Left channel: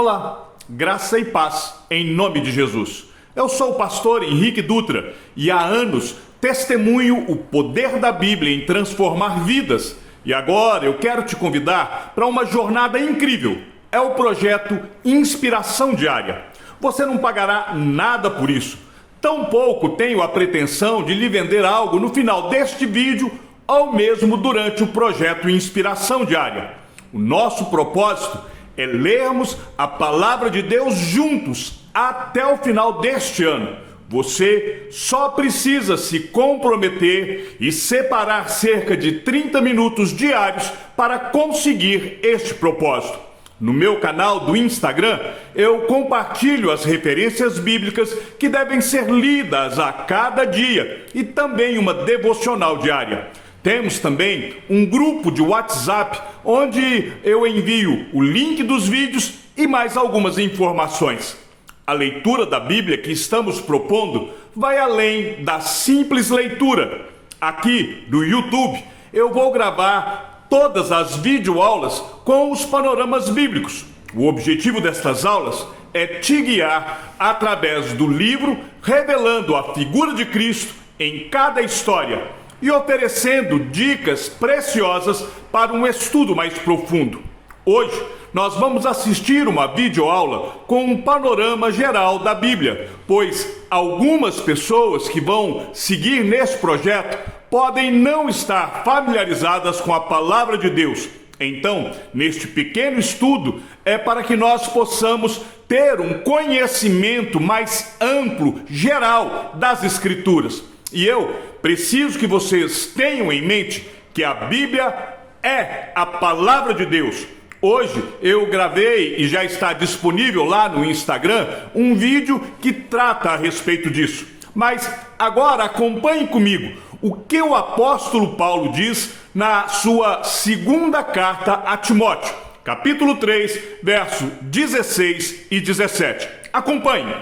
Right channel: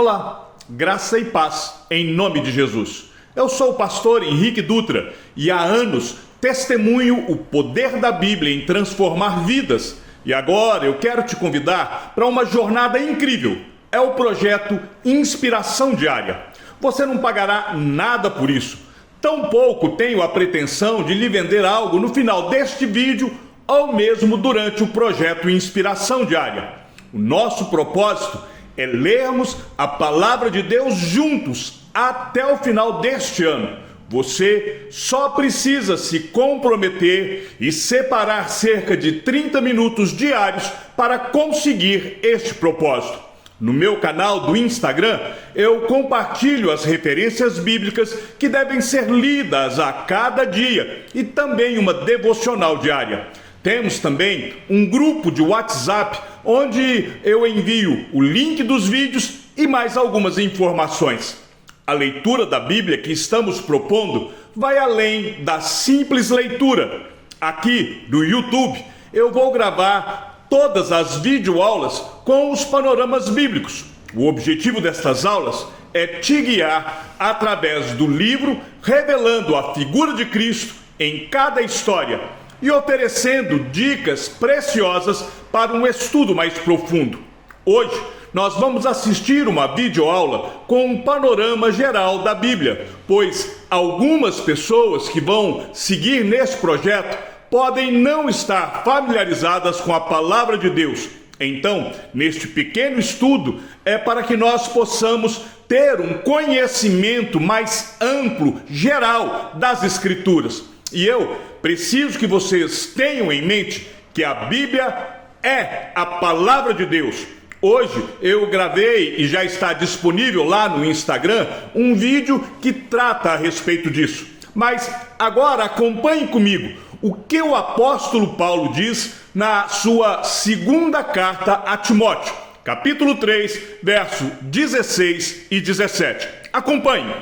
Olá, graça e paz em nome de Jesus. Eu sou o pastor Henrique Dutra e há anos testemunho o poder da Bíblia em transformar vidas. E agora eu quero te convidar para uma jornada incrível. É o projeto Inspiração Diária. Você não pagará nada por isso. Tampouco tenho a pretensão de lhe vender algo no final deste vídeo ou mesmo durante o projeto Inspiração Diária. O nosso propósito é lermos a palavra de Deus juntos até o final deste ano. Você só precisa se comprometer e separar cerca de 30 minutos diários para conseguir este propósito. No meu canal do Instagram, eu compartilho as referências bíblicas que devem ser lidas a cada dia e também uma devocional diária. Temos também um grupo de WhatsApp onde eu envio o link dos vídeos e mais algumas informações. A leitura da Bíblia que estamos propondo vai além da simples leitura. Aqui do YouTube eu vou gravar todas as videoaulas com os panoramas bíblicos. O objetivo destas aulas é te guiar através do livro, revelando a figura de Cristo em cada história e oferecendo dicas preciosas para um estudo mais profundo. Hoje, nós vamos assistir uma videoaula com um panorama geral da Bíblia, pois algumas pessoas que vão seguir nesse projeto podem não estar familiarizadas com a palavra de Deus. Então, neste pequeno estudo, é para que nós possamos ter um conhecimento mais amplo, geral, das Escrituras. E eu preciso que vocês tenham em mente que a Bíblia é a palavra de Deus. Hoje eu gravei e já está disponível lá no Instagram um vídeo que trata a respeito disso. Mas agora acompanhe comigo o que o apóstolo Paulo diz na sua segunda carta a Timóteo, capítulo 3, verso 16 e 17. Acompanhe.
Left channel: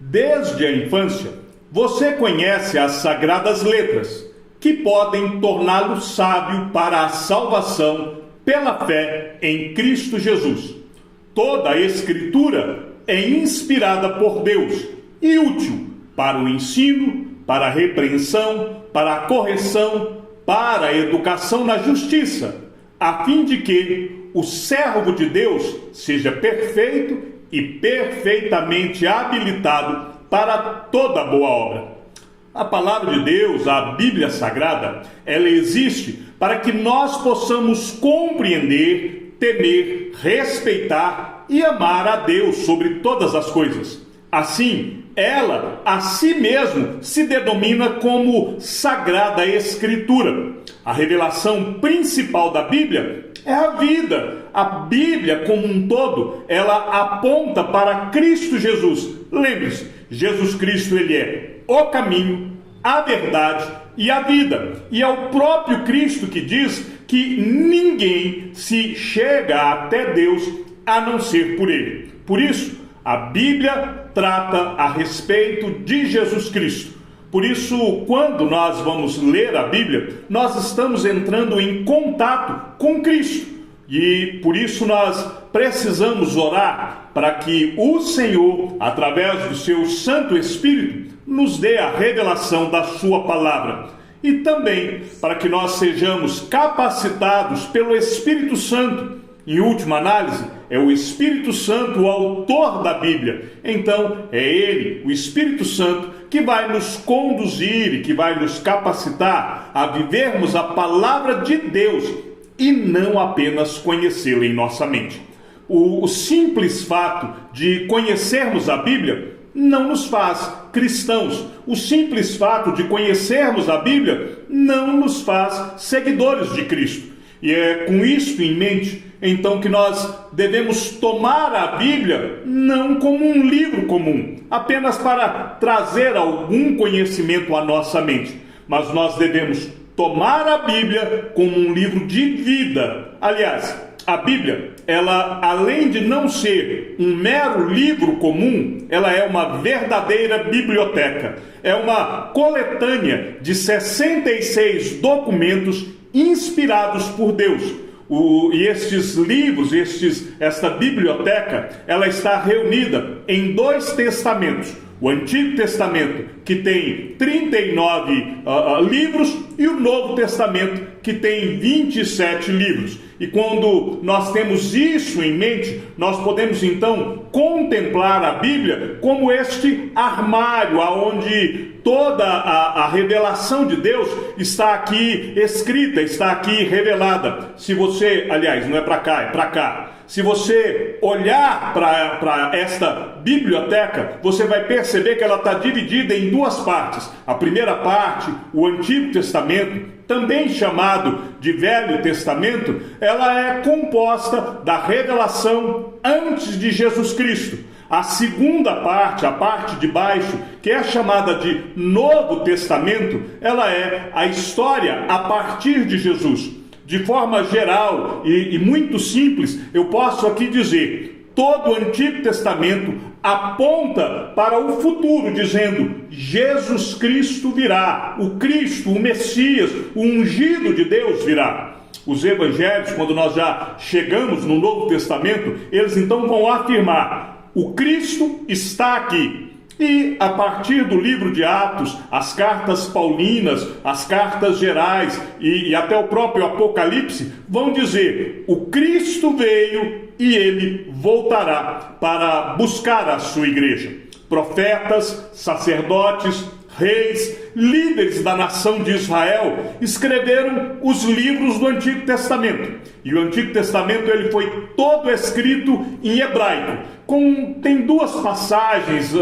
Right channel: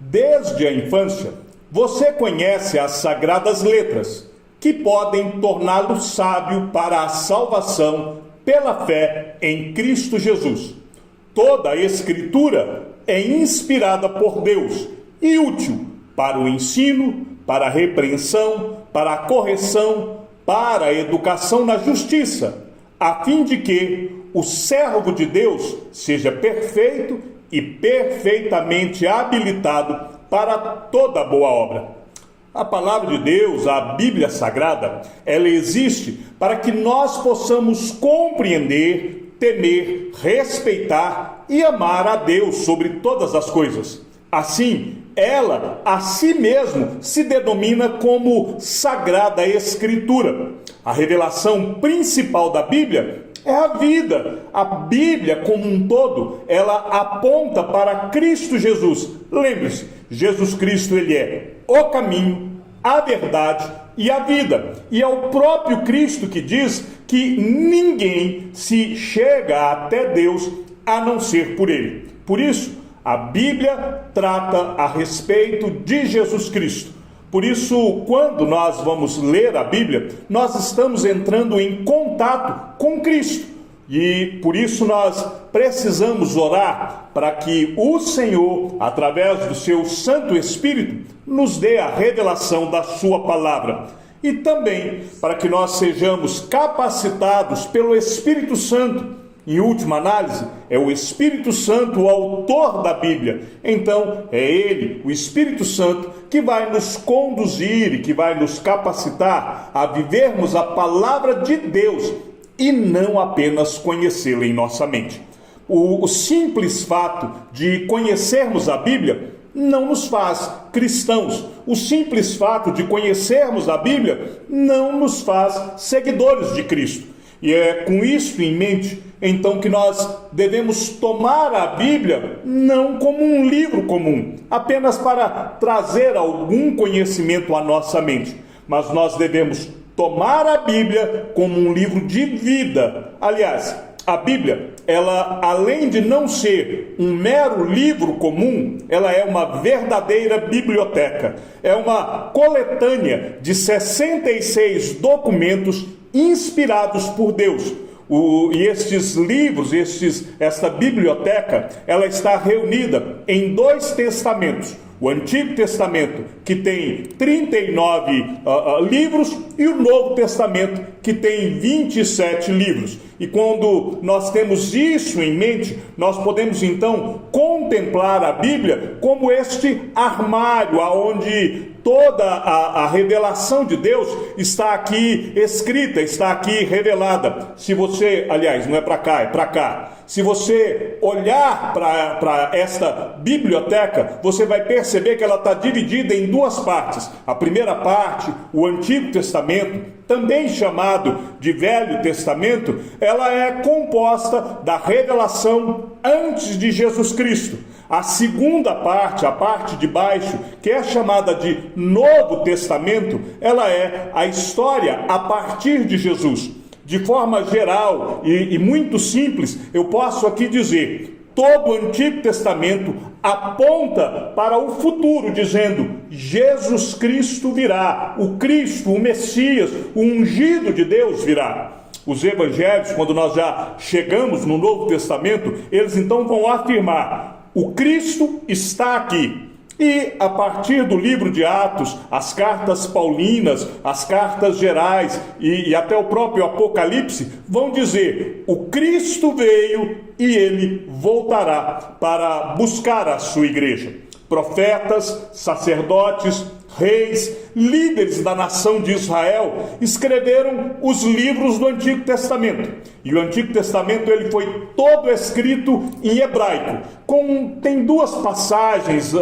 Desde a infância, você conhece as sagradas letras, que podem torná-lo sábio para a salvação pela fé em Cristo Jesus. Toda a Escritura é inspirada por Deus e útil para o ensino, para a repreensão, para a correção, para a educação na justiça, a fim de que o servo de Deus seja perfeito e perfeitamente habilitado para toda boa obra. A palavra de Deus, a Bíblia Sagrada, ela existe para que nós possamos compreender, temer, respeitar e amar a Deus sobre todas as coisas. Assim, ela a si mesma se denomina como Sagrada Escritura. A revelação principal da Bíblia é a vida. A Bíblia como um todo, ela aponta para Cristo Jesus. Lembre-se, Jesus Cristo, ele é o caminho, a verdade e a vida. E é o próprio Cristo que diz que ninguém se chega até Deus a não ser por ele. Por isso, a Bíblia trata a respeito de Jesus Cristo. Por isso, quando nós vamos ler a Bíblia, nós estamos entrando em contato com Cristo. E por isso nós precisamos orar para que o Senhor, através do seu Santo Espírito, nos dê a revelação da sua palavra. E também para que nós sejamos capacitados pelo Espírito Santo. Em última análise, é o Espírito Santo o autor da Bíblia. Então, é Ele, o Espírito Santo, que vai nos conduzir e que vai nos capacitar a vivermos a palavra de Deus e não apenas conhecê-la em nossa mente. O simples fato de conhecermos a Bíblia não nos faz cristãos. O simples fato de conhecermos a Bíblia não nos faz seguidores de Cristo. E é com isso em mente, então, que nós devemos tomar a Bíblia não como um livro comum, apenas para trazer algum conhecimento à nossa mente, mas nós devemos tomar a Bíblia como um livro de vida. Aliás, a Bíblia, ela, além de não ser um mero livro comum, ela é uma verdadeira biblioteca. É uma coletânea de 66 documentos inspirados por Deus. E estes livros, esta biblioteca, ela está reunida em 2 testamentos. O Antigo Testamento, que tem 39 livros, e o Novo Testamento, que tem 27 livros. E quando nós temos isso em mente, nós podemos então contemplar a Bíblia como este armário, onde toda a revelação de Deus está aqui escrita, está aqui revelada. Se você, aliás, não é para cá, é para cá. Se você olhar para esta biblioteca, você vai perceber que ela está dividida em 2 partes. A primeira parte, o Antigo Testamento, também chamado de Velho Testamento, ela é composta da revelação antes de Jesus Cristo. A segunda parte, a parte de baixo, que é chamada de Novo Testamento, ela é a história a partir de Jesus. De forma geral e muito simples, eu posso aqui dizer: todo o Antigo Testamento aponta para o futuro, dizendo: Jesus Cristo virá, o Cristo, o Messias, o ungido de Deus virá. Os evangelhos, quando nós já chegamos no Novo Testamento, eles então vão afirmar: o Cristo está aqui. E a partir do livro de Atos, as cartas paulinas, as cartas gerais e até o próprio Apocalipse vão dizer: o Cristo veio e ele voltará para buscar a sua igreja. Profetas, sacerdotes, reis, líderes da nação de Israel escreveram os livros do Antigo Testamento. E o Antigo Testamento ele foi todo escrito em hebraico. Tem 2 passagens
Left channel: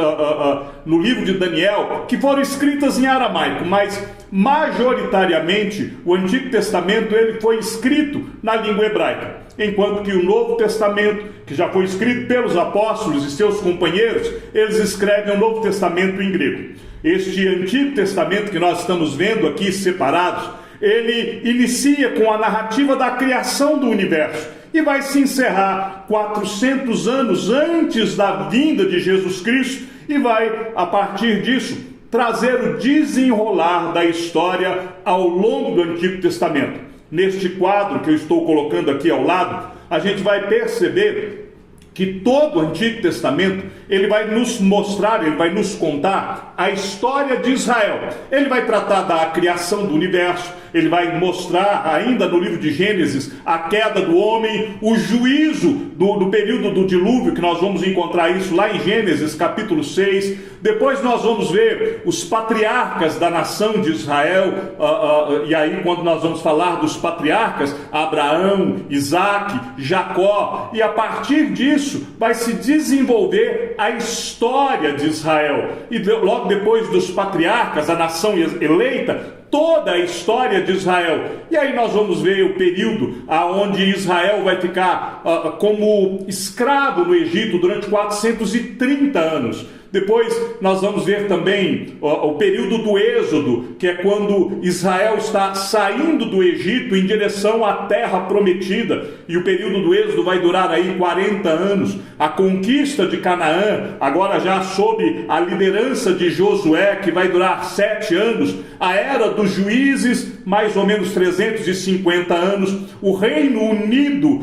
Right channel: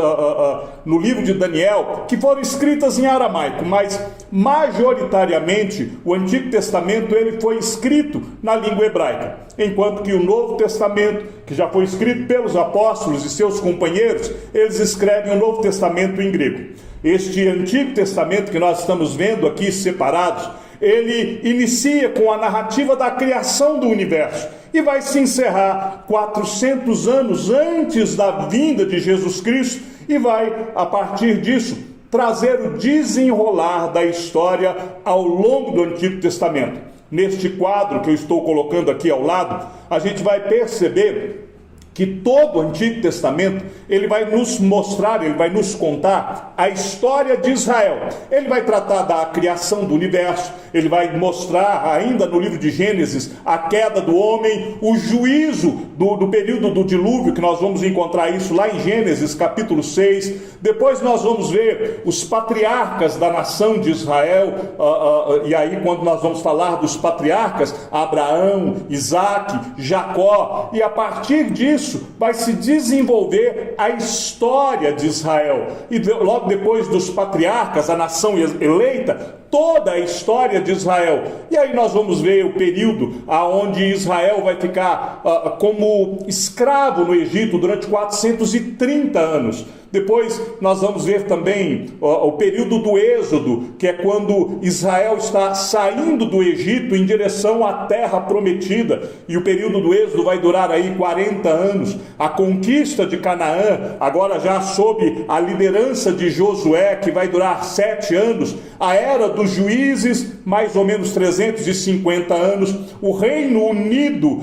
no livro de Daniel que foram escritas em aramaico, mas majoritariamente o Antigo Testamento ele foi escrito na língua hebraica, enquanto que o Novo Testamento, que já foi escrito pelos apóstolos e seus companheiros, eles escrevem o Novo Testamento em grego. Este Antigo Testamento que nós estamos vendo aqui separados, ele inicia com a narrativa da criação do universo e vai se encerrar 400 anos antes da vinda de Jesus Cristo e vai, a partir disso, trazer o desenrolar da história ao longo do Antigo Testamento. Neste quadro que eu estou colocando aqui ao lado, a gente vai perceber que todo o Antigo Testamento, ele vai nos mostrar, ele vai nos contar a história de Israel. Ele vai tratar da criação do universo, ele vai mostrar ainda no livro de Gênesis a queda do homem, o juízo do período do dilúvio, que nós vamos encontrar isso lá em Gênesis capítulo 6. Depois nós vamos ver os patriarcas da nação de Israel, e aí quando nós vamos falar dos patriarcas, Abraão, Isaque, Jacó, e a partir disso vai se desenvolver a história de Israel. E logo depois dos patriarcas, a nação eleita, toda a história de Israel. E aí nós vamos ver o período onde Israel vai ficar como escravo no Egito durante 430 anos. Depois nós vamos ver também o período do Êxodo, que é quando Israel está saindo do Egito em direção à terra prometida, e o período do Êxodo vai durar aí 40 anos. A conquista de Canaã, agora já sob a liderança de Josué, que vai durar 7 anos. A era dos juízes, mais ou menos 350 anos. O Reino Unido,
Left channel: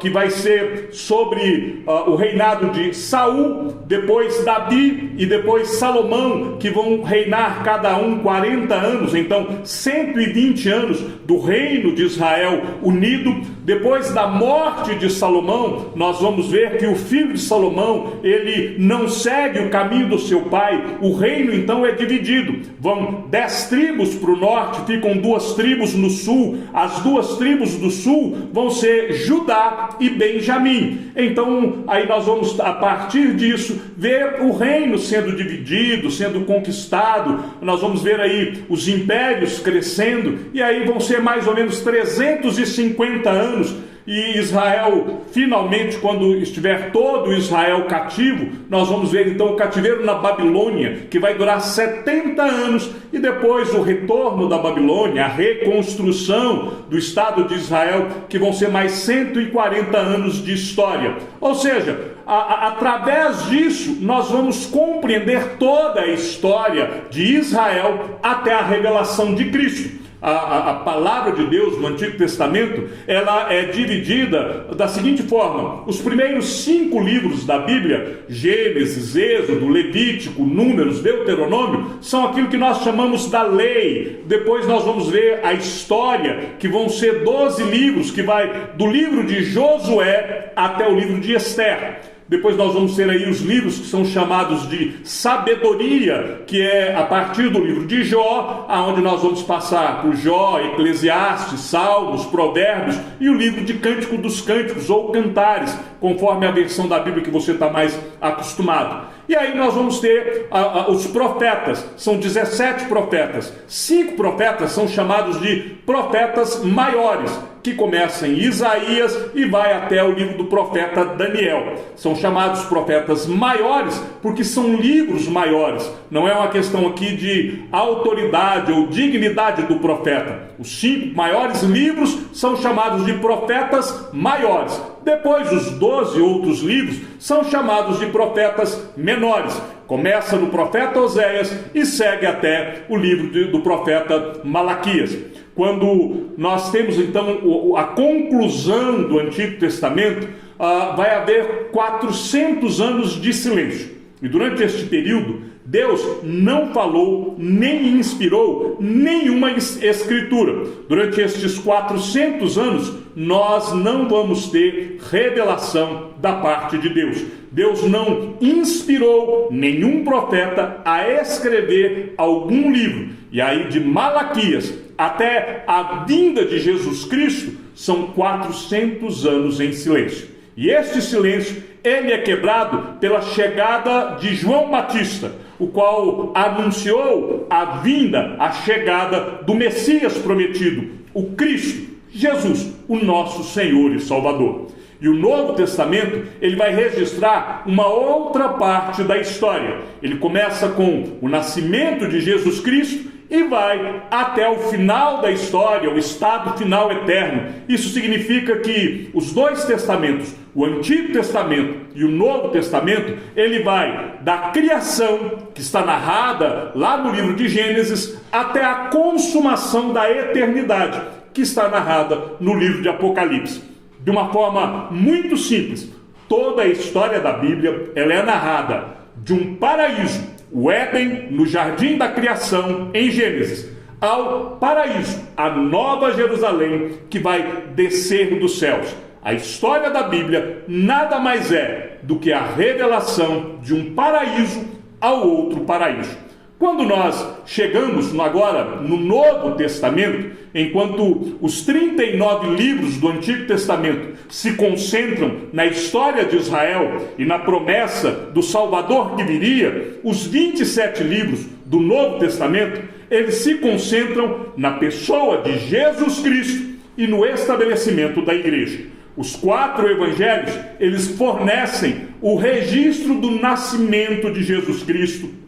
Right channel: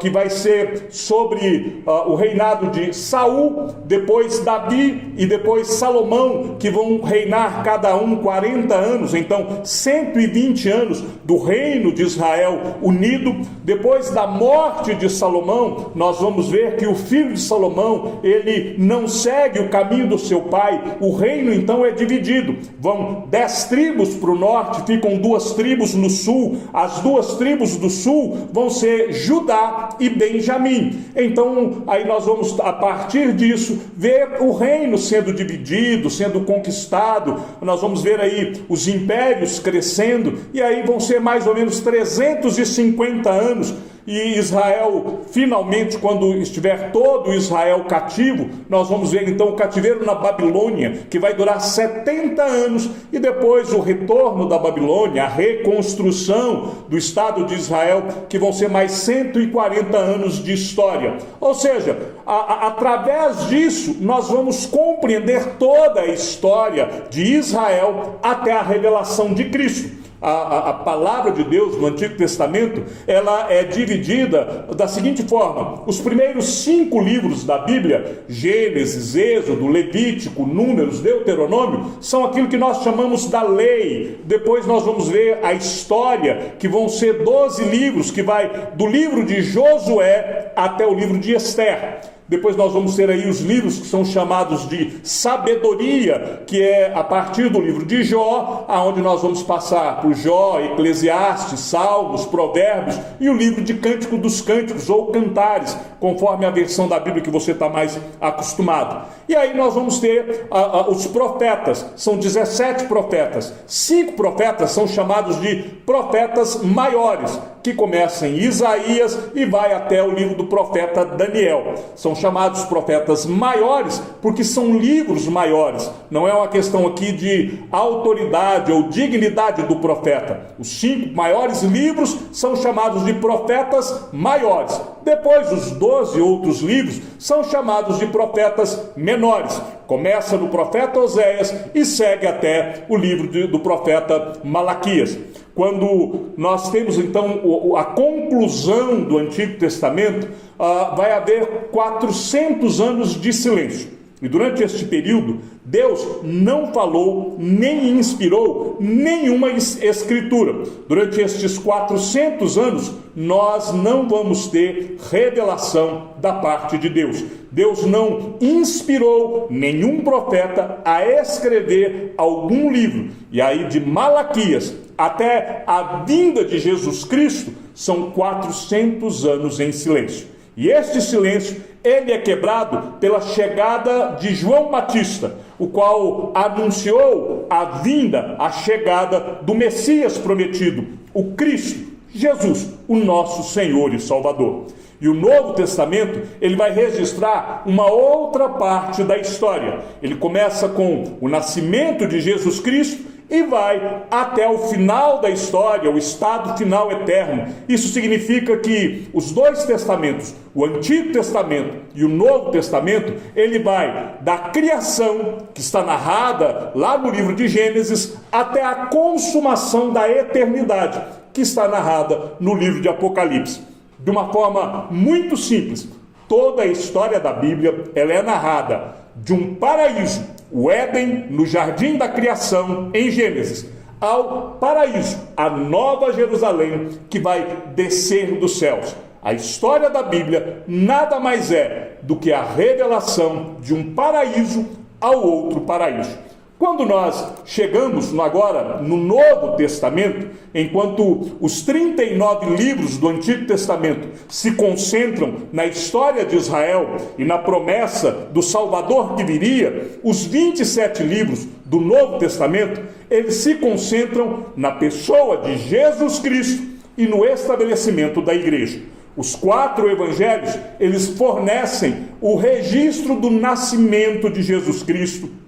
que vai ser sobre o reinado de Saul, depois Davi e depois Salomão, que vão reinar cada um 40 anos, então 120 anos do reino de Israel unido. Depois da morte de Salomão, nós vamos ver que o filho de Salomão, ele não segue o caminho do seu pai. O reino então é dividido, vão 10 tribos para o norte, ficam 2 tribos no sul. As 2 tribos do sul vão ser Judá e Benjamim. Então aí nós vamos, a partir disso, ver o reino sendo dividido, sendo conquistado. Nós vamos ver aí os impérios crescendo, e aí vão ser mais ou menos 350 anos. E Israel, finalmente, quando estiver todo Israel cativo, nós vamos ver então o cativeiro na Babilônia, que vai durar 70 anos, e depois o retorno da Babilônia, a reconstrução do Estado de Israel, que vão ser mais 140 anos de história. Ou seja, através disso, nós vamos compreender toda a história de Israel até a revelação de Cristo. A palavra de Deus no Antigo Testamento, ela é dividida da seguinte forma: os primeiros 5 livros da Bíblia, Gênesis, Êxodo, Levítico, Números, Deuteronômio, são aquilo que nós chamamos da lei. Depois nós vamos ver a história, que vão ser 12 livros, que vai do livro de Josué até o livro de Esther. Depois nós vamos ter aí os livros que são chamados de sabedoria, que é a partir do livro de Jó, aonde nós vamos passar por Jó, Eclesiastes, Salmos, Provérbios e o livro de Cântico dos Cânticos ou Cantares, conforme a versão da Bíblia que você está mais acostumado. E aí nós vamos ter os profetas, são 17 profetas. 5 profetas são chamados de profetas maiores, que começa em Isaías e vai até o livro do profeta Daniel. São chamados profetas maiores porque são livros maiores. Não é uma questão aqui de autoridade ou dignidade do profeta. Os 5 maiores livros são chamados de profetas maiores. Depois, os 12 outros livros são chamados de profetas menores. Começa no profeta Oséias e segue até o livro do profeta Malaquias. Quando nós temos então a conclusão do Antigo Testamento, vai haver 400 anos de silêncio. E durante este período, Deus não falou, nem inspirou nenhuma escritura. Durante estes 400 anos, nós não vamos ter revelação da parte de Deus. Deus não inspirou nenhum profeta a escrever algum livro. E aí, de Malaquias até a vinda de Jesus Cristo, são 400 anos em silêncio. E este silêncio, ele é quebrado pela chegada de João Batista, o qual anunciou a vinda, a chegada do Messias prometido, o Cristo, Jesus, o nosso Senhor e Salvador. E o Novo Testamento, ele vai registrar uma outra parte da história. Ele começa com o nascimento de Jesus Cristo e vai até o final da história, o estado final eterno. Isso significa que os 2 testamentos, o Antigo Testamento e o Novo Testamento, ele vai da criação, que está narrada lá no livro de Gênesis, até a consumação da eternidade, que está narrada no livro de Apocalipse. De uma forma muito simples, toda a história da Bíblia, ela é narrada de um paraíso, o Éden, no jardim da criação, em Gênesis, ao paraíso, a nova Jerusalém, que vai descer dos céus. A história da Bíblia nada mais é do que a revelação de um paraíso ao outro paraíso. Quando nós chegamos agora no Novo Testamento, enquanto os 39 livros do Antigo Testamento se concentram na história de Israel e na promessa do Salvador que viria, os 27 livros do Novo Testamento, eles se concentram na pessoa de Jesus Cristo e no estabelecimento da igreja. Os 4 evangelhos, eles fornecem o registro do nascimento de Jesus Cristo,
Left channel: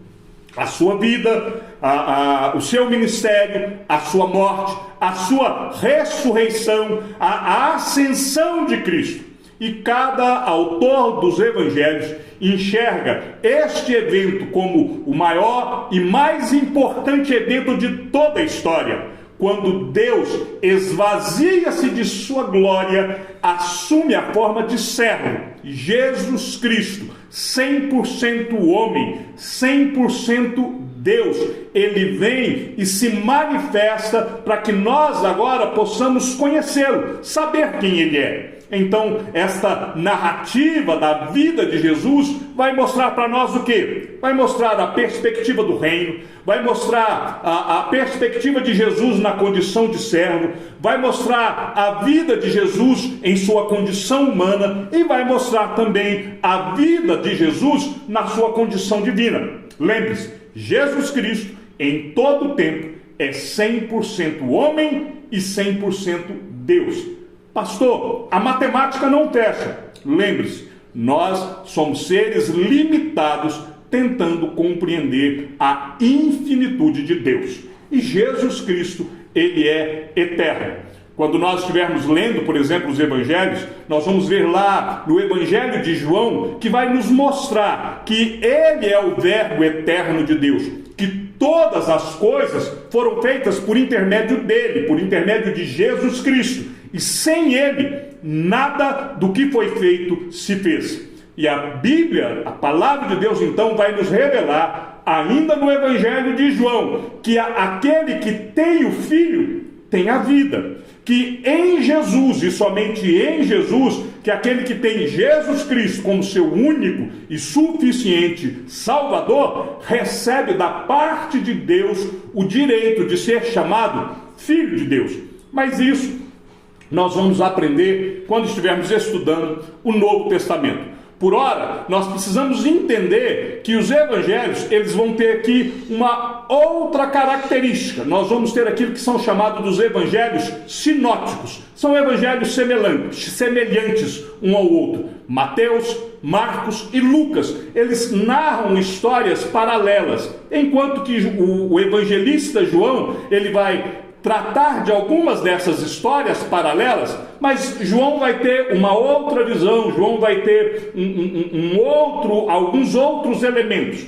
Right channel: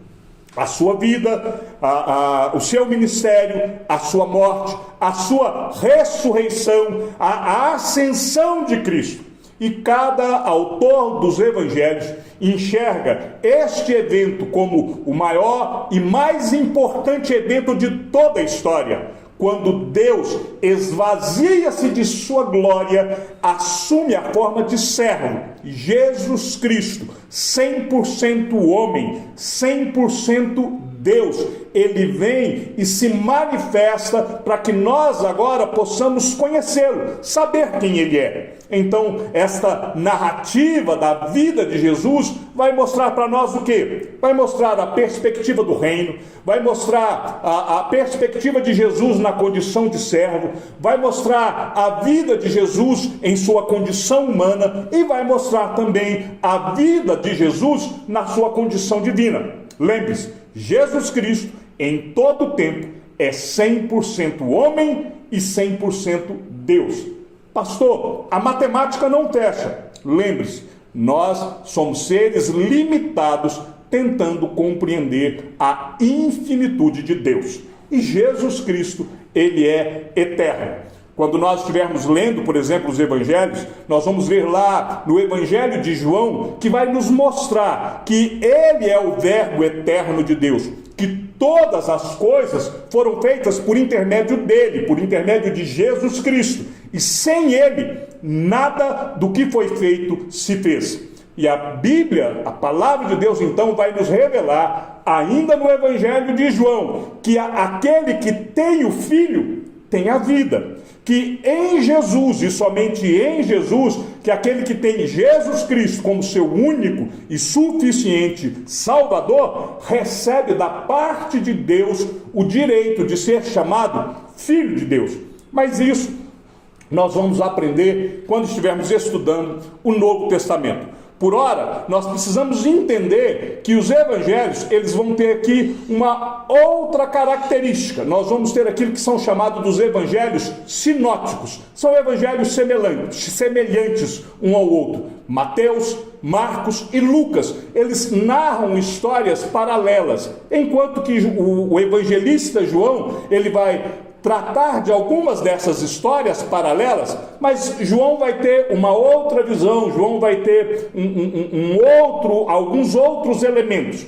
a sua vida, o seu ministério, a sua morte, a sua ressurreição, a ascensão de Cristo. E cada autor dos evangelhos enxerga este evento como o maior e mais importante evento de toda a história. Quando Deus esvazia-se de sua glória, assume a forma de servo, Jesus Cristo, 100% homem, 100% Deus, ele vem e se manifesta para que nós agora possamos conhecê-lo, saber quem ele é. Então, esta narrativa da vida de Jesus vai mostrar para nós o quê? Vai mostrar a perspectiva do reino, vai mostrar a perspectiva de Jesus na condição de servo, vai mostrar a vida de Jesus em sua condição humana e vai mostrar também a vida de Jesus na sua condição divina. Lembre-se, Jesus Cristo, em todo o tempo, é 100% homem e 100% Deus. Pastor, a matemática não fecha. Lembre-se, nós somos seres limitados tentando compreender a infinitude de Deus. E Jesus Cristo, ele é eterno. Quando nós estivermos lendo, por exemplo, os evangelhos, nós vamos ver lá no Evangelho de João, que vai nos mostrar que ele é o Verbo eterno de Deus, que todas as coisas foram feitas por intermédio dele, por intermédio de Jesus Cristo. E sem ele, nada do que foi feito se fez. E a Bíblia, a palavra de Deus, então, vai nos revelar, ainda no Evangelho de João, que aquele que tem o Filho tem a vida. Que em Jesus, e somente em Jesus, que aquele que tem Jesus Cristo como seu único e suficiente Salvador, recebe da parte de Deus o direito de ser chamado Filho de Deus. Mas isso nós vamos aprender quando estivermos estudando o Novo Testamento. Por ora, nós precisamos entender que os evangelhos, eles vão ter aqui uma outra característica. Nós vamos ter aquilo que são chamados dos evangelhos sinóticos. São evangelhos semelhantes um ao outro. Mateus, Marcos e Lucas, eles narram histórias paralelas, enquanto que o evangelista João, ele vai tratar de algumas dessas histórias paralelas, mas João vai ter uma outra visão, João vai ter alguns outros elementos.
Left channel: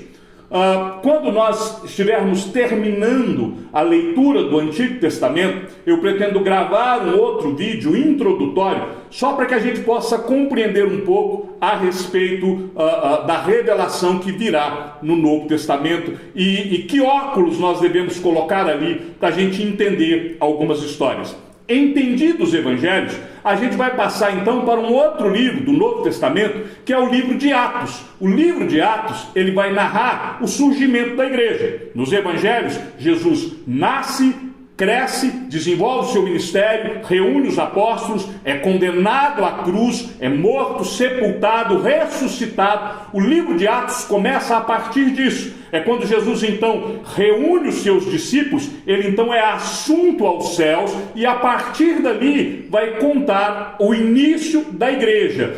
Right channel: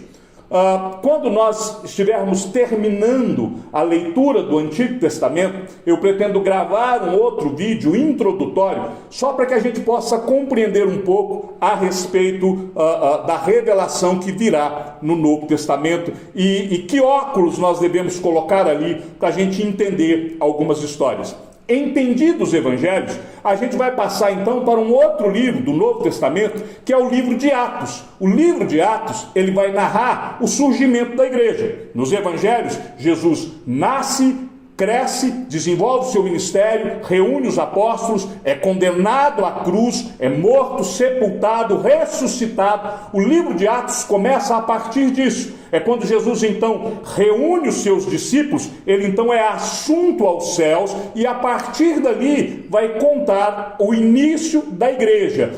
Quando nós estivermos terminando a leitura do Antigo Testamento, eu pretendo gravar um outro vídeo introdutório, só para que a gente possa compreender um pouco a respeito da revelação que virá no Novo Testamento e que óculos nós devemos colocar ali para a gente entender algumas histórias. Entendidos os evangelhos, a gente vai passar então para um outro livro do Novo Testamento, que é o livro de Atos. O livro de Atos, ele vai narrar o surgimento da igreja. Nos evangelhos, Jesus nasce, cresce, desenvolve o seu ministério, reúne os apóstolos, é condenado à cruz, é morto, sepultado, ressuscitado. O livro de Atos começa a partir disso. É quando Jesus então reúne os seus discípulos, ele então é assunto aos céus e a partir dali vai contar o início da igreja,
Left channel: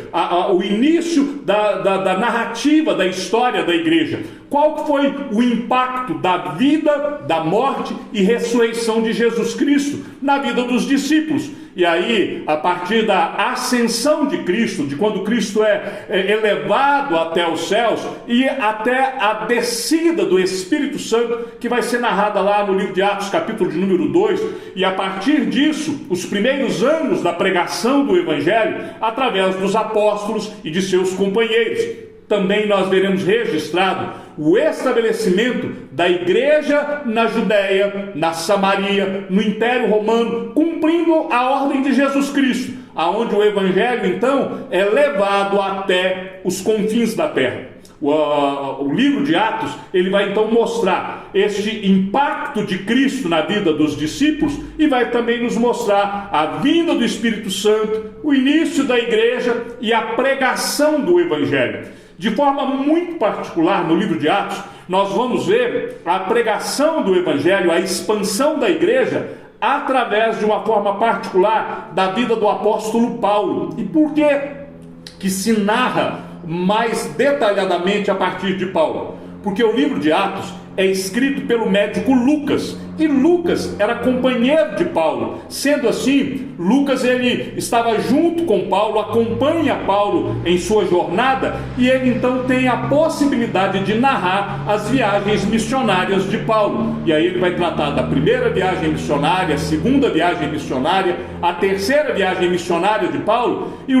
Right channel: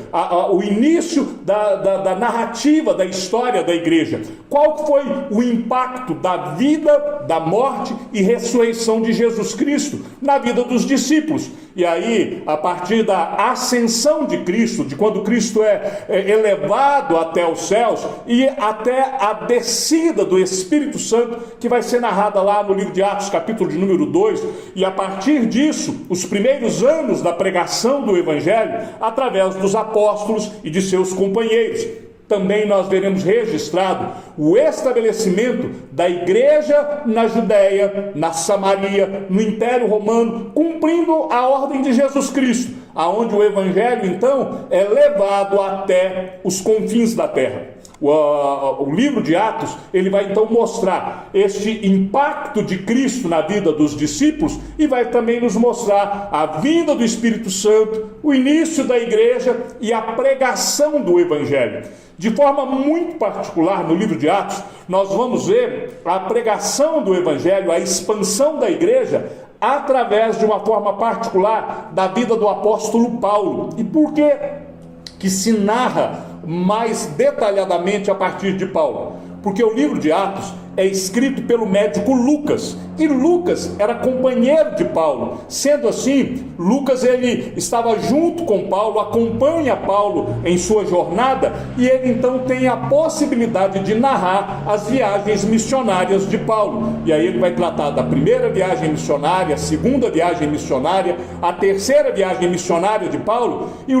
o início da narrativa da história da igreja. Qual foi o impacto da vida, da morte e ressurreição de Jesus Cristo na vida dos discípulos? E aí, a partir da ascensão de Cristo, de quando Cristo é elevado até os céus e até a descida do Espírito Santo, que vai ser narrada lá no livro de Atos, capítulo de número 2, e a partir disso, os primeiros anos da pregação do Evangelho, através dos apóstolos e de seus companheiros. Também nós veremos registrado o estabelecimento da igreja na Judéia, na Samaria, no Império Romano, cumprindo a ordem de Jesus Cristo, aonde o Evangelho, então, é levado até os confins da terra. O livro de Atos, ele vai então mostrar este impacto de Cristo na vida dos discípulos e vai também nos mostrar a vinda do Espírito Santo, o início da igreja e a pregação do Evangelho. De forma muito particular, no livro de Atos, nós vamos ver a pregação do Evangelho, a expansão da igreja, através de uma forma particular da vida do apóstolo Paulo. E por que se narra mais detalhadamente a partir de Paulo? Porque o livro de Atos é escrito pelo médico Lucas, e Lucas era companheiro de Paulo. Sendo assim, Lucas ele estava junto com Paulo, acompanha Paulo em sua jornada, e ele então tem a possibilidade de narrar as viagens missionárias de Paulo. E aí ele vai tratar da primeira viagem missionária, a segunda viagem missionária, a terceira viagem missionária de Paulo. E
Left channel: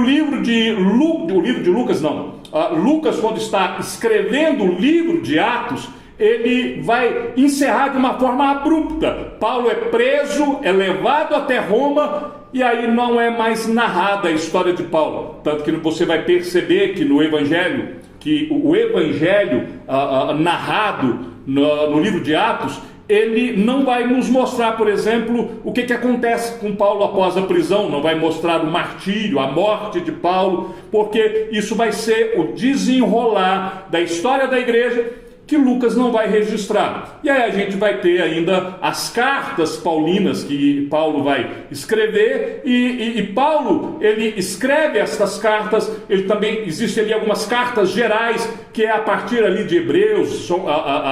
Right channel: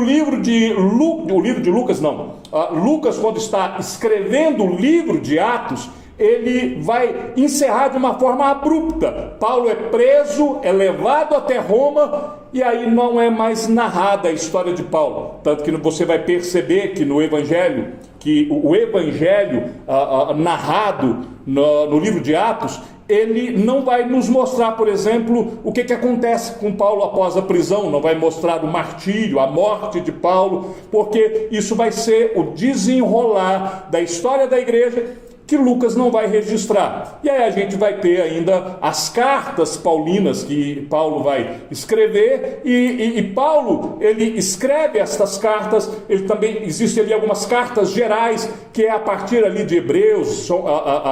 Lucas, quando está escrevendo o livro de Atos, ele vai encerrar de uma forma abrupta. Paulo é preso, é levado até Roma, e aí não é mais narrada a história de Paulo. Tanto que você vai perceber que no Evangelho, que o Evangelho narrado no livro de Atos, ele não vai nos mostrar, por exemplo, o que acontece com Paulo após a prisão, não vai mostrar o martírio, a morte de Paulo, porque isso vai ser o desenrolar da história da igreja, que Lucas não vai registrar. E aí a gente vai ter ainda as cartas paulinas que Paulo vai escrever, e Paulo, ele escreve estas cartas. Ele também, existe ali algumas cartas gerais, que é a partir ali de Hebreus,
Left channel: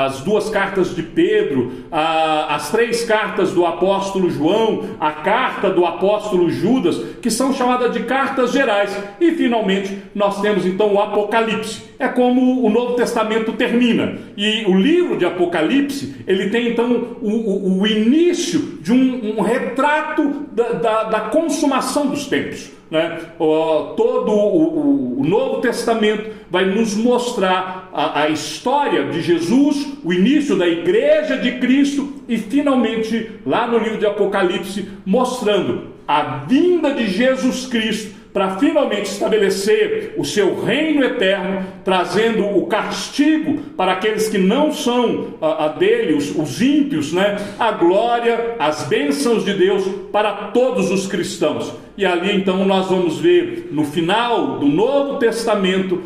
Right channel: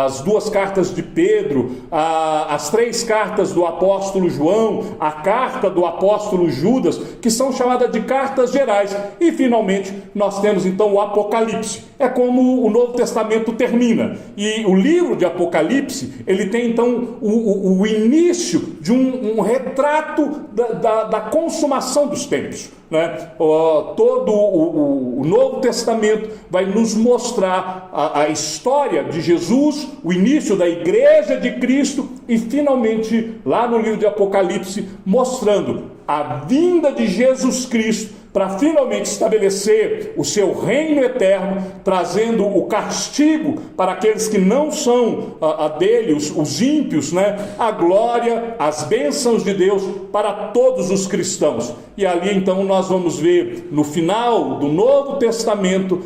as duas cartas de Pedro, as três cartas do apóstolo João, a carta do apóstolo Judas, que são chamadas de cartas gerais. E finalmente nós temos então o Apocalipse. É como o Novo Testamento termina. E o livro de Apocalipse, ele tem então o início de um retrato da consumação dos tempos, né? Todo o Novo Testamento vai nos mostrar a história de Jesus, o início da igreja de Cristo e finalmente lá no livro de Apocalipse mostrando a vinda de Jesus Cristo para finalmente estabelecer o seu reino eterno, trazendo o castigo para aqueles que não são dele, os ímpios, né? A glória, as bênçãos de Deus para todos os cristãos. E ali então nós vamos ver no final do Novo Testamento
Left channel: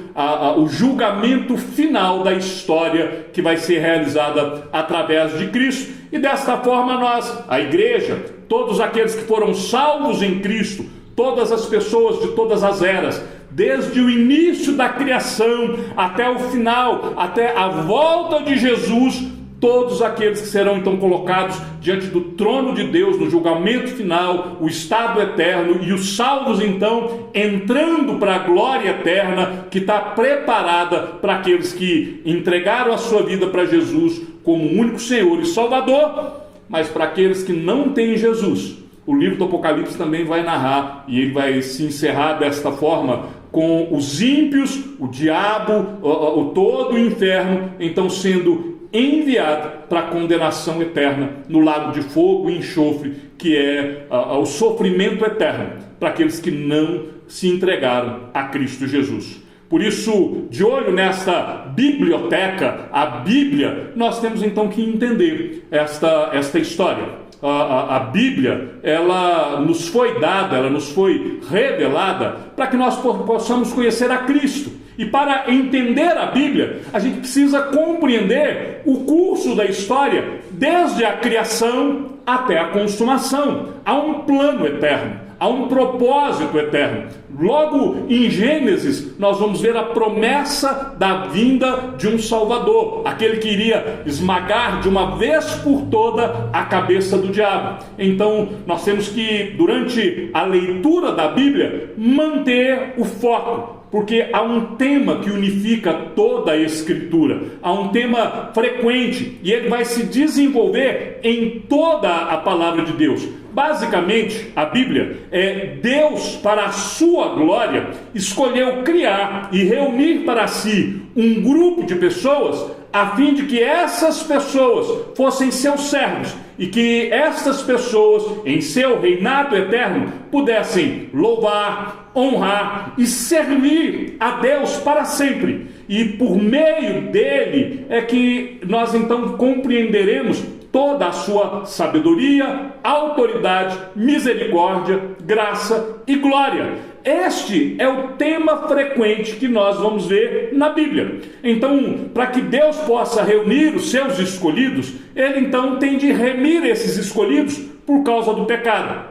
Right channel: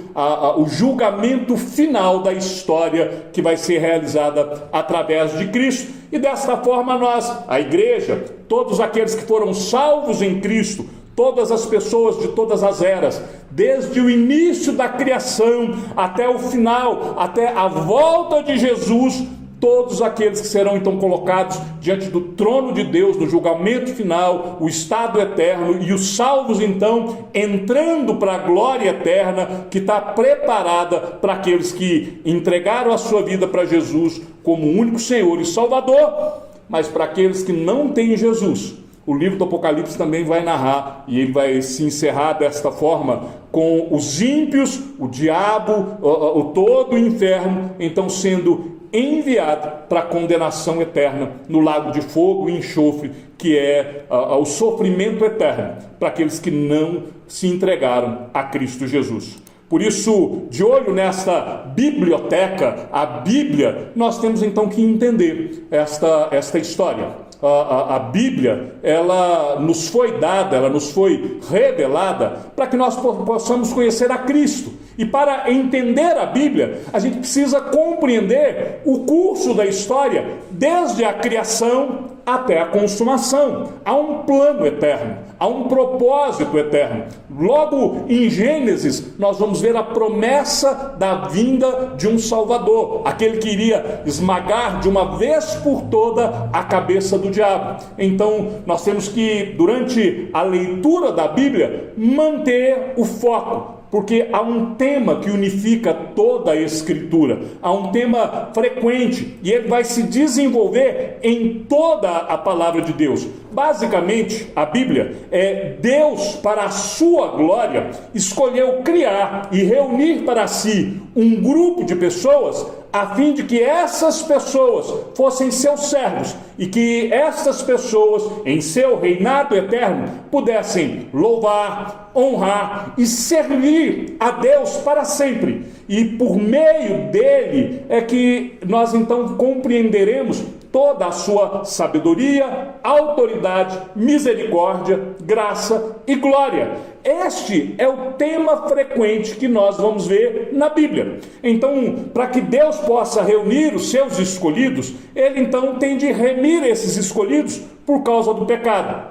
o julgamento final da história que vai ser realizada através de Cristo. E desta forma nós, a igreja, todos aqueles que foram salvos em Cristo, todas as pessoas de todas as eras, desde o início da criação até o final, até a volta de Jesus, todos aqueles que serão então colocados diante do trono de Deus no julgamento final, o estado eterno, e os salvos então entrando para a glória eterna que está preparada para aqueles que entregaram a sua vida para Jesus como único Senhor e Salvador. Mas para aqueles que não têm Jesus, o livro do Apocalipse também vai narrar, e ele vai se encerrar desta forma, com os ímpios, o diabo, todo o inferno, então sendo enviado para a condenação eterna no lago de fogo e enxofre, que é o sofrimento eterno para aqueles que não se entregaram a Cristo Jesus. Por isso, de olho nesta biblioteca, a Bíblia, nós temos então que entender esta história. A Bíblia, ela nos foi dada, ela nos foi revelada para que nós possamos conhecer a Cristo. E para entender a Bíblia, a gente precisa compreender o curso da história, desde a criação até a consumação. Há um plano eterno, há um propósito eterno. Logo em Gênesis, nós vamos ver a promessa da vinda de um Salvador, aquele que iria esmagar de uma vez por toda a cabeça do diabo. Então, nós temos que, durante a leitura da Bíblia, manter o foco, porque há um tema que unifica toda a Escritura, há um tema frequente, e ele vai se desenvolver em toda a palavra de Deus. Basicamente, a Bíblia é Deus, para a sua glória, escolheu criar e reunir para si um grupo de pessoas, a fim de que essas pessoas fossem seus servos e que essas pessoas, em seu reinado eterno, pudessem louvar, honrar e servir a Deus para sempre. E por meio dele é que nós então compreenderemos toda a sua sabedoria, autoridade, misericórdia, graça e glória. Este é o tema frequente que nós vamos ver na Bíblia. Então, para que Deus possa reunir os seus escolhidos, ele então tem de remir esses escolhidos por causa do pecado.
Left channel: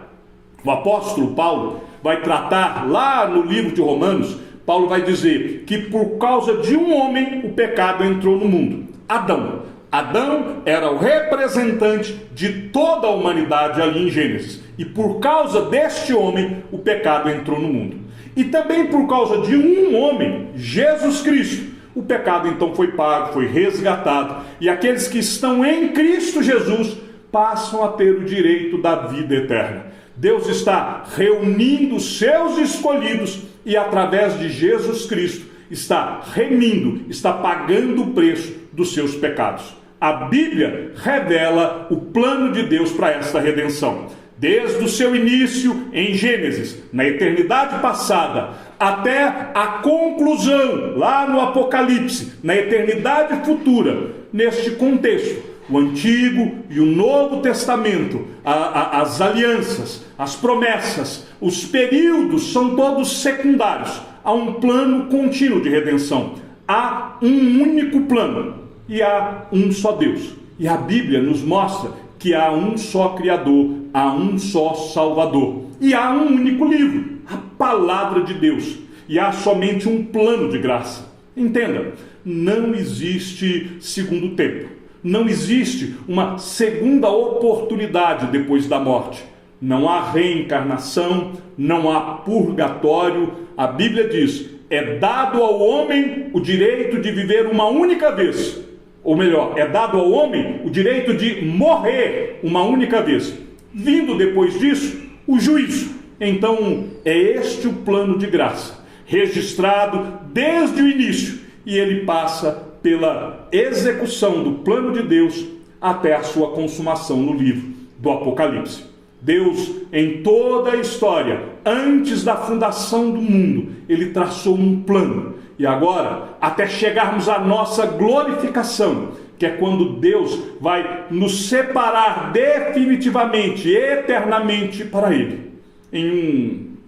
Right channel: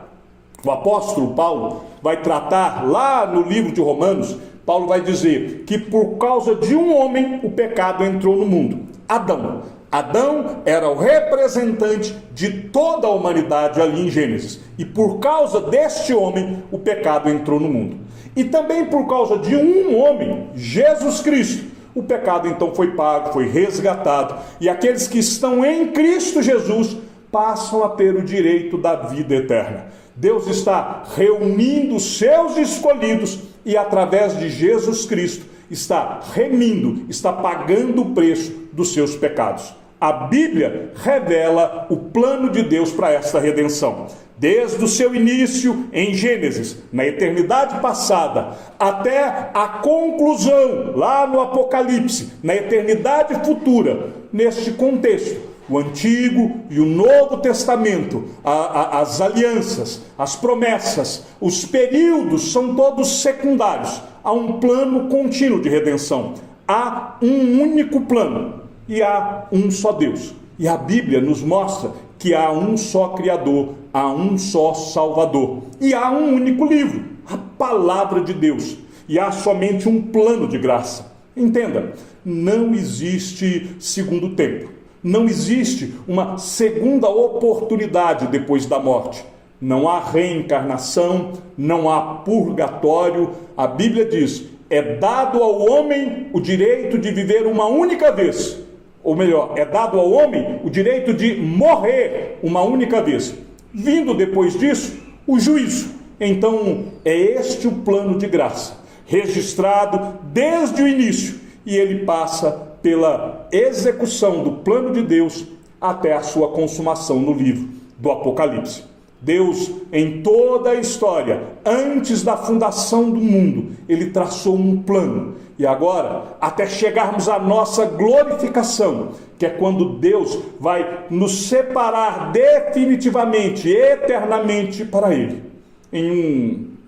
O apóstolo Paulo vai tratar lá no livro de Romanos, Paulo vai dizer que por causa de um homem o pecado entrou no mundo, Adão. Adão era o representante de toda a humanidade ali em Gênesis. E por causa deste homem, o pecado entrou no mundo. E também por causa de um homem, Jesus Cristo, o pecado então foi pago, foi resgatado. E aqueles que estão em Cristo Jesus passam a ter o direito da vida eterna. Deus está reunindo os seus escolhidos e através de Jesus Cristo está remindo, está pagando o preço dos seus pecados. A Bíblia revela o plano de Deus para esta redenção. Desde o seu início em Gênesis, na eternidade passada, até a conclusão lá no Apocalipse, na eternidade futura, neste contexto, o Antigo e o Novo Testamento, as alianças, as promessas, os períodos são todos secundários. Há um plano contínuo de redenção. Há um único plano e há um só Deus. E a Bíblia nos mostra que há um só Criador, há um só Salvador. E há um único livro, a Palavra de Deus. E há somente um plano de graça. Entenda, não existe segundo tempo. Não existe uma segunda oportunidade depois da morte. Não há reencarnação, não há purgatório. A Bíblia diz: é dado ao homem o direito de viver uma única vez, ou melhor, é dado ao homem o direito de morrer uma única vez. Vindo depois disso, o juízo. Então, é este o plano de graça, registrado desde o início, e ele passa pela execução do plano de Deus até a sua consumação no livro do Apocalipse. Deus, em toda a história, antes da fundação do mundo, ele traçou um plano. E agora, até chegarmos à nossa glorificação, que é quando Deus vai nos separar definitivamente, eternamente para Ele.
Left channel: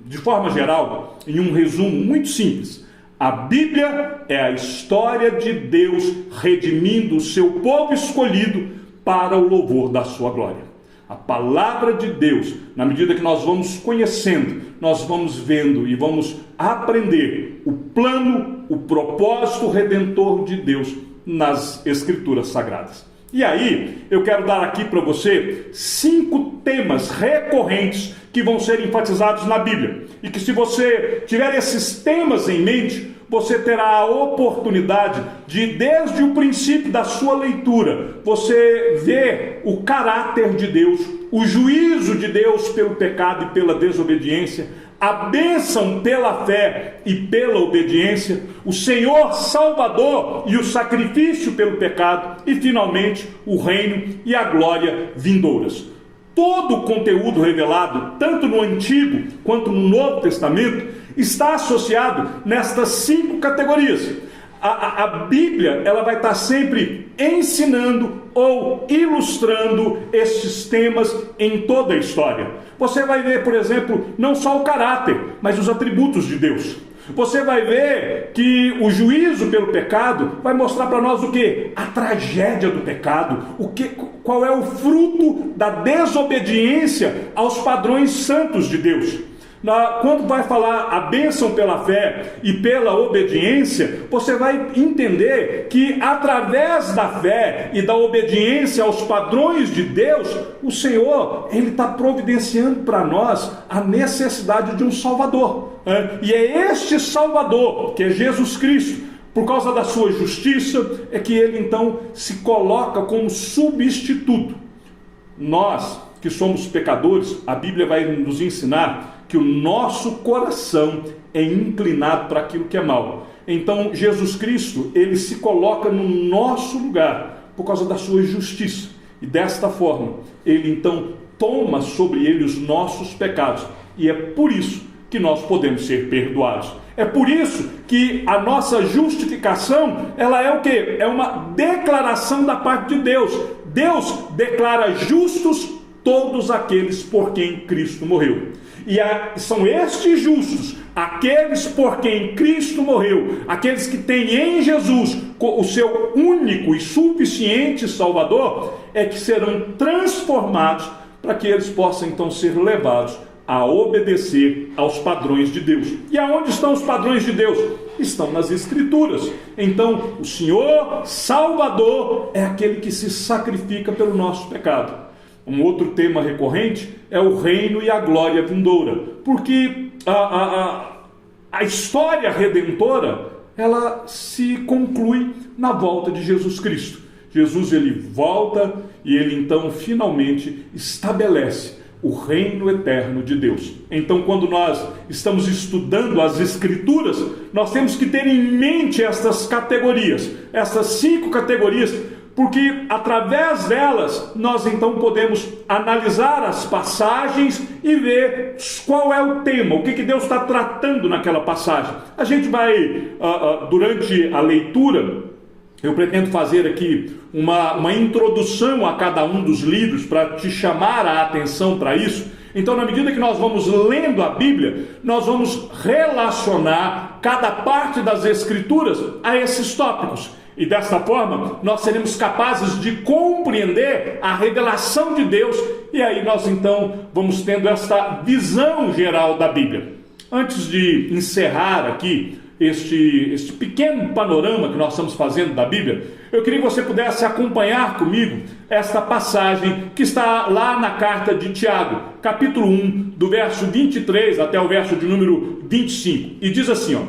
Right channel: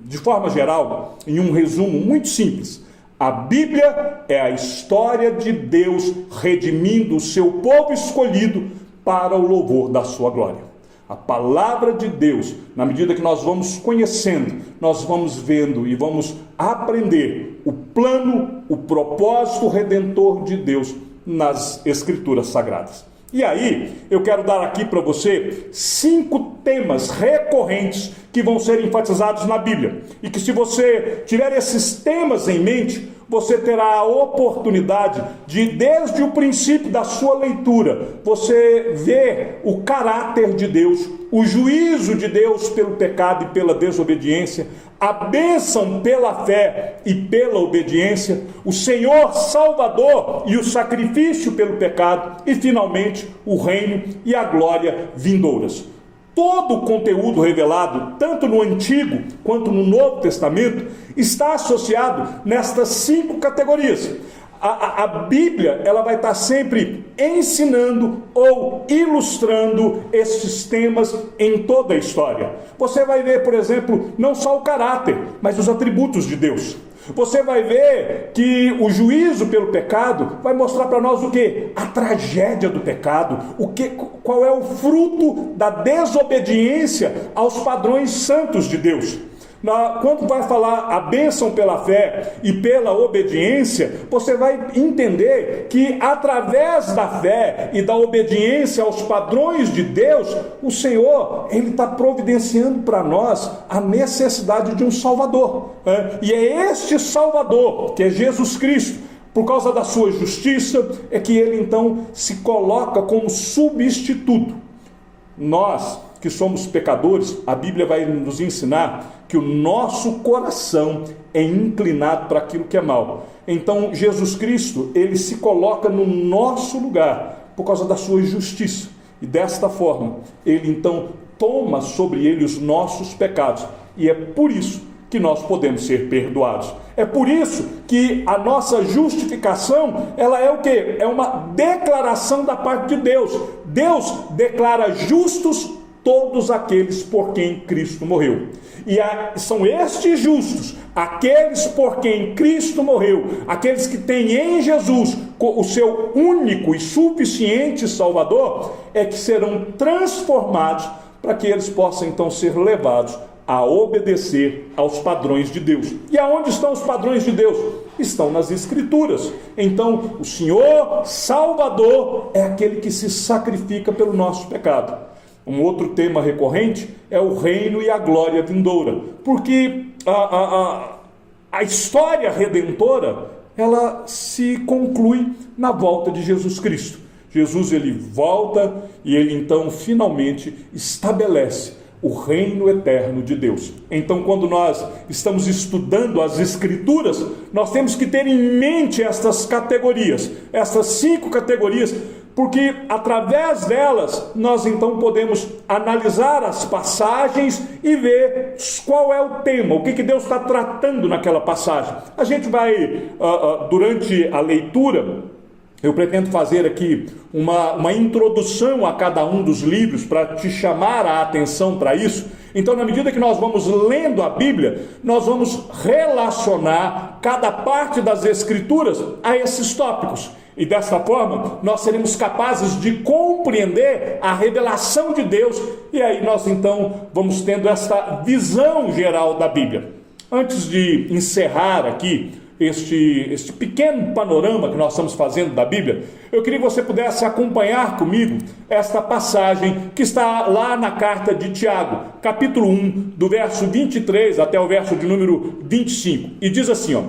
De forma geral, em um resumo muito simples, a Bíblia é a história de Deus redimindo o seu povo escolhido para o louvor da sua glória. A palavra de Deus, na medida que nós vamos conhecendo, nós vamos vendo e vamos aprender o plano, o propósito redentor de Deus nas Escrituras Sagradas. E aí, eu quero dar aqui para você 5 temas recorrentes que vão ser enfatizados na Bíblia. E que se você tiver esses temas em mente, você terá a oportunidade de, desde o princípio da sua leitura, você ver o caráter de Deus, o juízo de Deus pelo pecado e pela desobediência, a bênção pela fé e pela obediência, o Senhor Salvador e o sacrifício pelo pecado e, finalmente, o reino e a glória vindouras. Todo o conteúdo revelado, tanto no Antigo quanto no Novo Testamento, está associado nestas 5 categorias. A Bíblia, ela vai estar sempre ensinando ou ilustrando esses temas em toda a história. Você vai ver, por exemplo, não só o caráter, mas os atributos de Deus. Você vai ver que o juízo pelo pecado vai mostrar para nós o quê? A tragédia do pecado, qual é o fruto da desobediência aos padrões santos de Deus. Quando vai falar a bênção pela fé e pela obediência, você vai entender que através da fé e da obediência aos padrões de Deus, o Senhor, Ele está providenciando para nós a necessidade de um Salvador. E é este Salvador, que é Jesus Cristo, por causa da sua justiça, é que Ele então se coloca como substituto. Nós, que somos pecadores, a Bíblia vai nos ensinar que o nosso coração é inclinado para aquilo que é mal. Então, Jesus Cristo, ele se coloca no nosso lugar por causa da sua justiça. E desta forma, ele então toma sobre ele os nossos pecados. E é por isso que nós podemos ser perdoados. É por isso que a nossa justificação, ela é o quê? É uma declaração da parte de Deus. Deus declara justos todos aqueles por quem Cristo morreu. E são estes justos, aqueles por quem Cristo morreu, aqueles que têm em Jesus o seu único e suficiente Salvador, é que serão transformados para que eles possam então ser levados a obedecer aos padrões de Deus. E aonde estão os padrões de Deus? Estão nas Escrituras. Então, o Senhor Salvador é aquele que se sacrifica pelo nosso pecado. Um outro tema recorrente é o reino e a glória vindoura, porque a história redentora, ela se conclui na volta de Jesus Cristo. Jesus, ele volta e ele então finalmente estabelece o reino eterno de Deus. Então, quando nós estamos estudando as Escrituras, nós temos que ter em mente estas categorias, essas 5 categorias, porque através delas nós então podemos analisar as passagens e ver qual é o tema, o que Deus está tratando naquela passagem. A gente vai, durante a leitura, eu pretendo fazer aqui uma introdução a cada um dos livros para te chamar a atenção para isso. Então, na medida que nós vamos lendo a Bíblia, nós vamos relacionar cada parte das Escrituras a esses tópicos. E dessa forma, nós seremos capazes de compreender a revelação de Deus. E aí nós então vamos tendo esta visão geral da Bíblia. Antes de encerrar aqui este pequeno panorama que nós estamos fazendo da Bíblia, eu queria que você pudesse acompanhar comigo esta passagem que está lá na carta de Tiago, capítulo 1, do verso 23 até o verso de número 25. E diz assim, ó:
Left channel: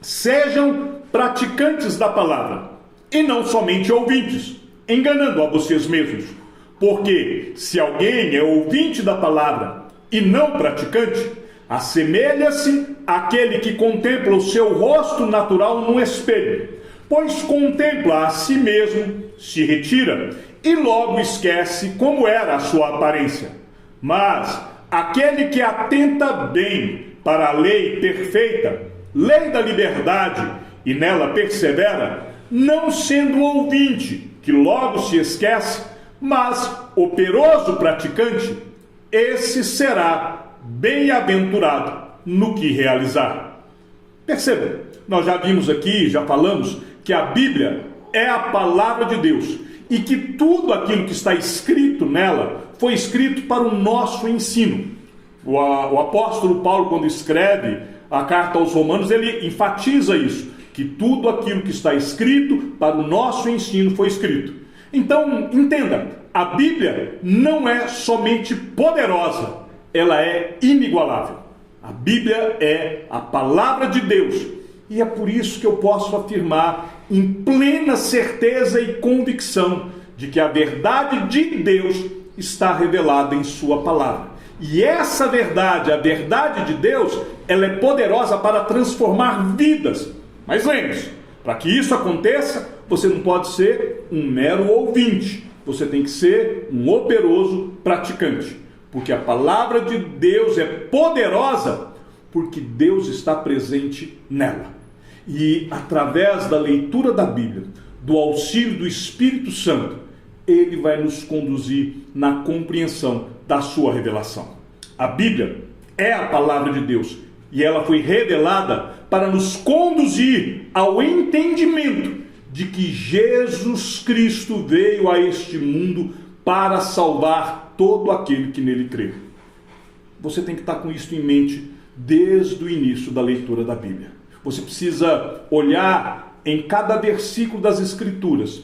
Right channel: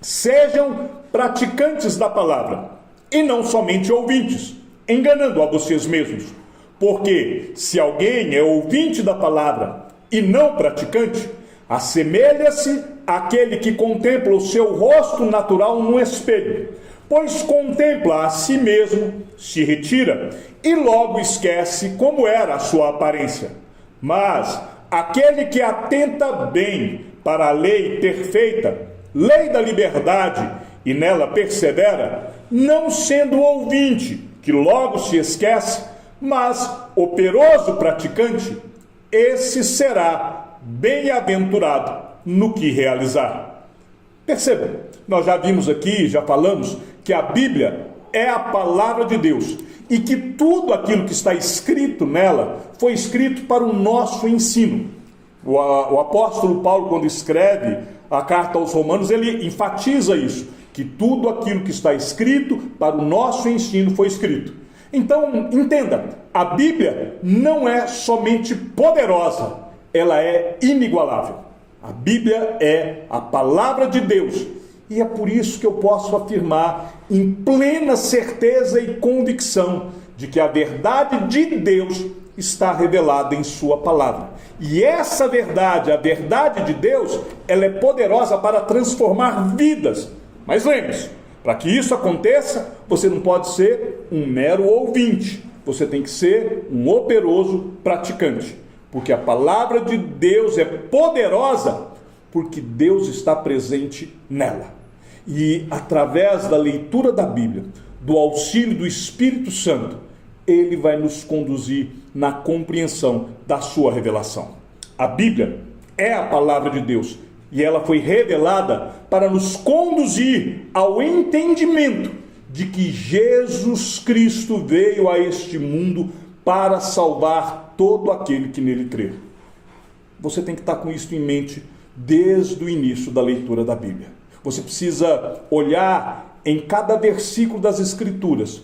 sejam praticantes da palavra e não somente ouvintes, enganando a vocês mesmos. Porque se alguém é ouvinte da palavra e não praticante, assemelha-se àquele que contempla o seu rosto natural no espelho, pois contempla a si mesmo, se retira e logo esquece como era a sua aparência. Mas aquele que atenta bem para a lei perfeita, lei da liberdade, e nela persevera, não sendo ouvinte, que logo se esquece, mas operoso praticante, esse será bem-aventurado no que realizar. Percebam, nós já vimos aqui, já falamos, que a Bíblia é a palavra de Deus e que tudo aquilo que está escrito nela foi escrito para o nosso ensino. O apóstolo Paulo, quando escreve a carta aos Romanos, ele enfatiza isso, que tudo aquilo que está escrito para o nosso ensino foi escrito. Então, entenda, a Bíblia não é somente poderosa, ela é inigualável. A Bíblia é a palavra de Deus, e é por isso que eu posso afirmar em plena certeza e convicção de que a verdade de Deus está revelada em sua palavra. E essa verdade, a verdade de Deus, ela é poderosa para transformar vidas. Mas lembre-se, para que isso aconteça, você não pode ser um mero ouvinte, você tem que ser um operoso praticante, porque a palavra de Deus é poderosa, porque Deus está presente nela. E através da leitura da Bíblia, do auxílio do Espírito Santo, ele vai nos conduzir na compreensão da sua revelação. A Bíblia é a palavra de Deus e ela foi revelada para nos conduzir ao entendimento de que Jesus Cristo veio a este mundo para salvar todo aquele que nele crê. Você tem que estar com isso em mente desde o início da leitura da Bíblia. Você precisa olhar em cada versículo das Escrituras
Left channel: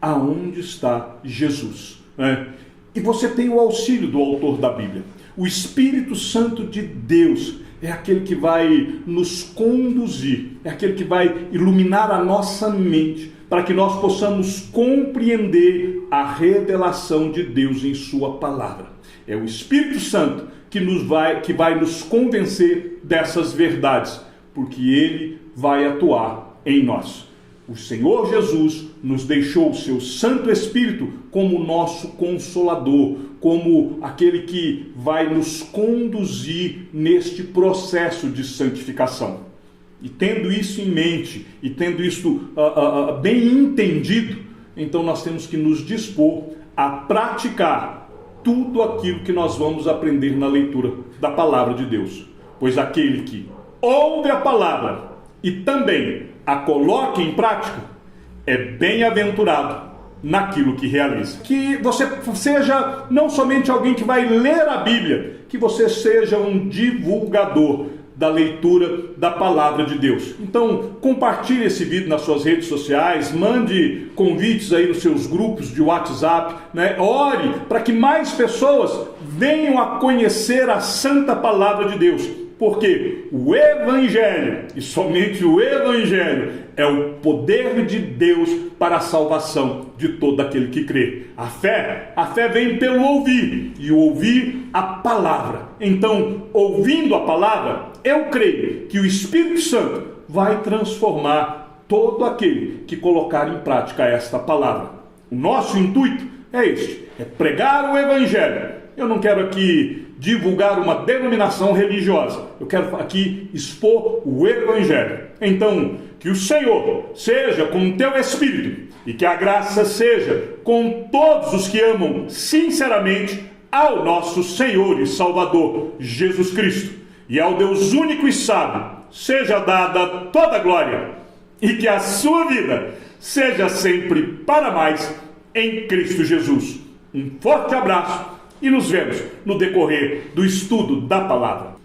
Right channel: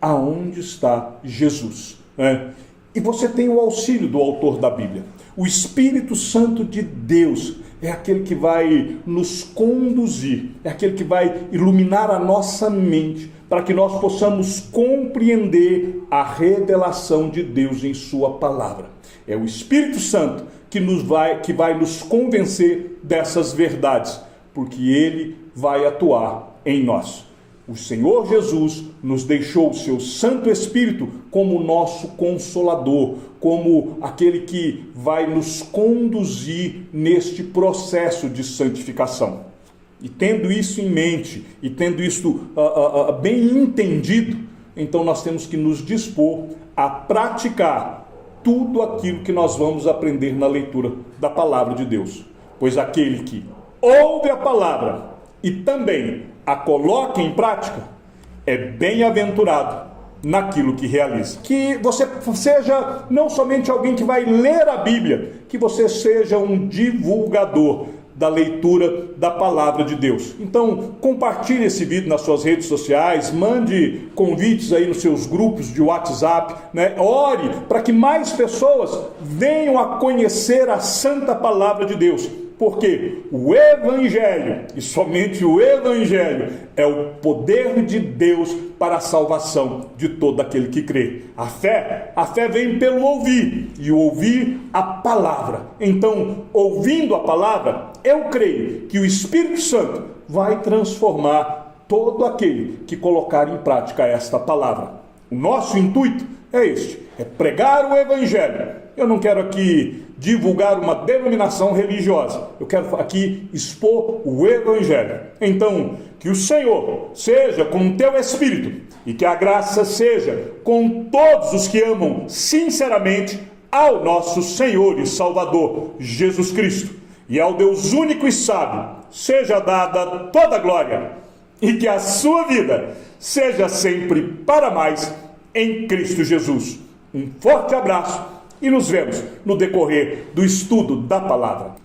aonde está Jesus, né? E você tem o auxílio do autor da Bíblia. O Espírito Santo de Deus é aquele que vai nos conduzir, é aquele que vai iluminar a nossa mente para que nós possamos compreender a revelação de Deus em sua palavra. É o Espírito Santo que vai nos convencer dessas verdades, porque ele vai atuar em nós. O Senhor Jesus nos deixou o seu Santo Espírito como nosso Consolador, como aquele que vai nos conduzir neste processo de santificação. E tendo isso em mente, e tendo isso bem entendido, então nós temos que nos dispor a praticar tudo aquilo que nós vamos aprender na leitura da palavra de Deus. Pois aquele que ouve a palavra e também a coloca em prática, é bem-aventurado naquilo que realiza. Que você seja não somente alguém que vai ler a Bíblia, que você seja um divulgador da leitura da palavra de Deus. Então, compartilhe esse vídeo nas suas redes sociais, mande convites aí nos seus grupos de WhatsApp, né? Ore para que mais pessoas venham a conhecer a santa palavra de Deus. Porque o Evangelho, e somente o Evangelho, é o poder de Deus para a salvação de todo aquele que crê. A fé vem pelo ouvir, e o ouvir a palavra. Então, ouvindo a palavra, eu creio que o Espírito Santo vai transformar todo aquele que colocar em prática esta palavra. O nosso intuito é este, é pregar o Evangelho. Eu não quero aqui divulgar uma denominação religiosa. Eu quero aqui expor o Evangelho. Então, que o Senhor seja com o teu Espírito e que a graça seja com todos os que amam sinceramente ao nosso Senhor e Salvador Jesus Cristo. E ao Deus único e sábio seja dada toda a glória e que a sua vida seja sempre para mais em Cristo Jesus. Um forte abraço e nos vemos no decorrer do estudo da palavra.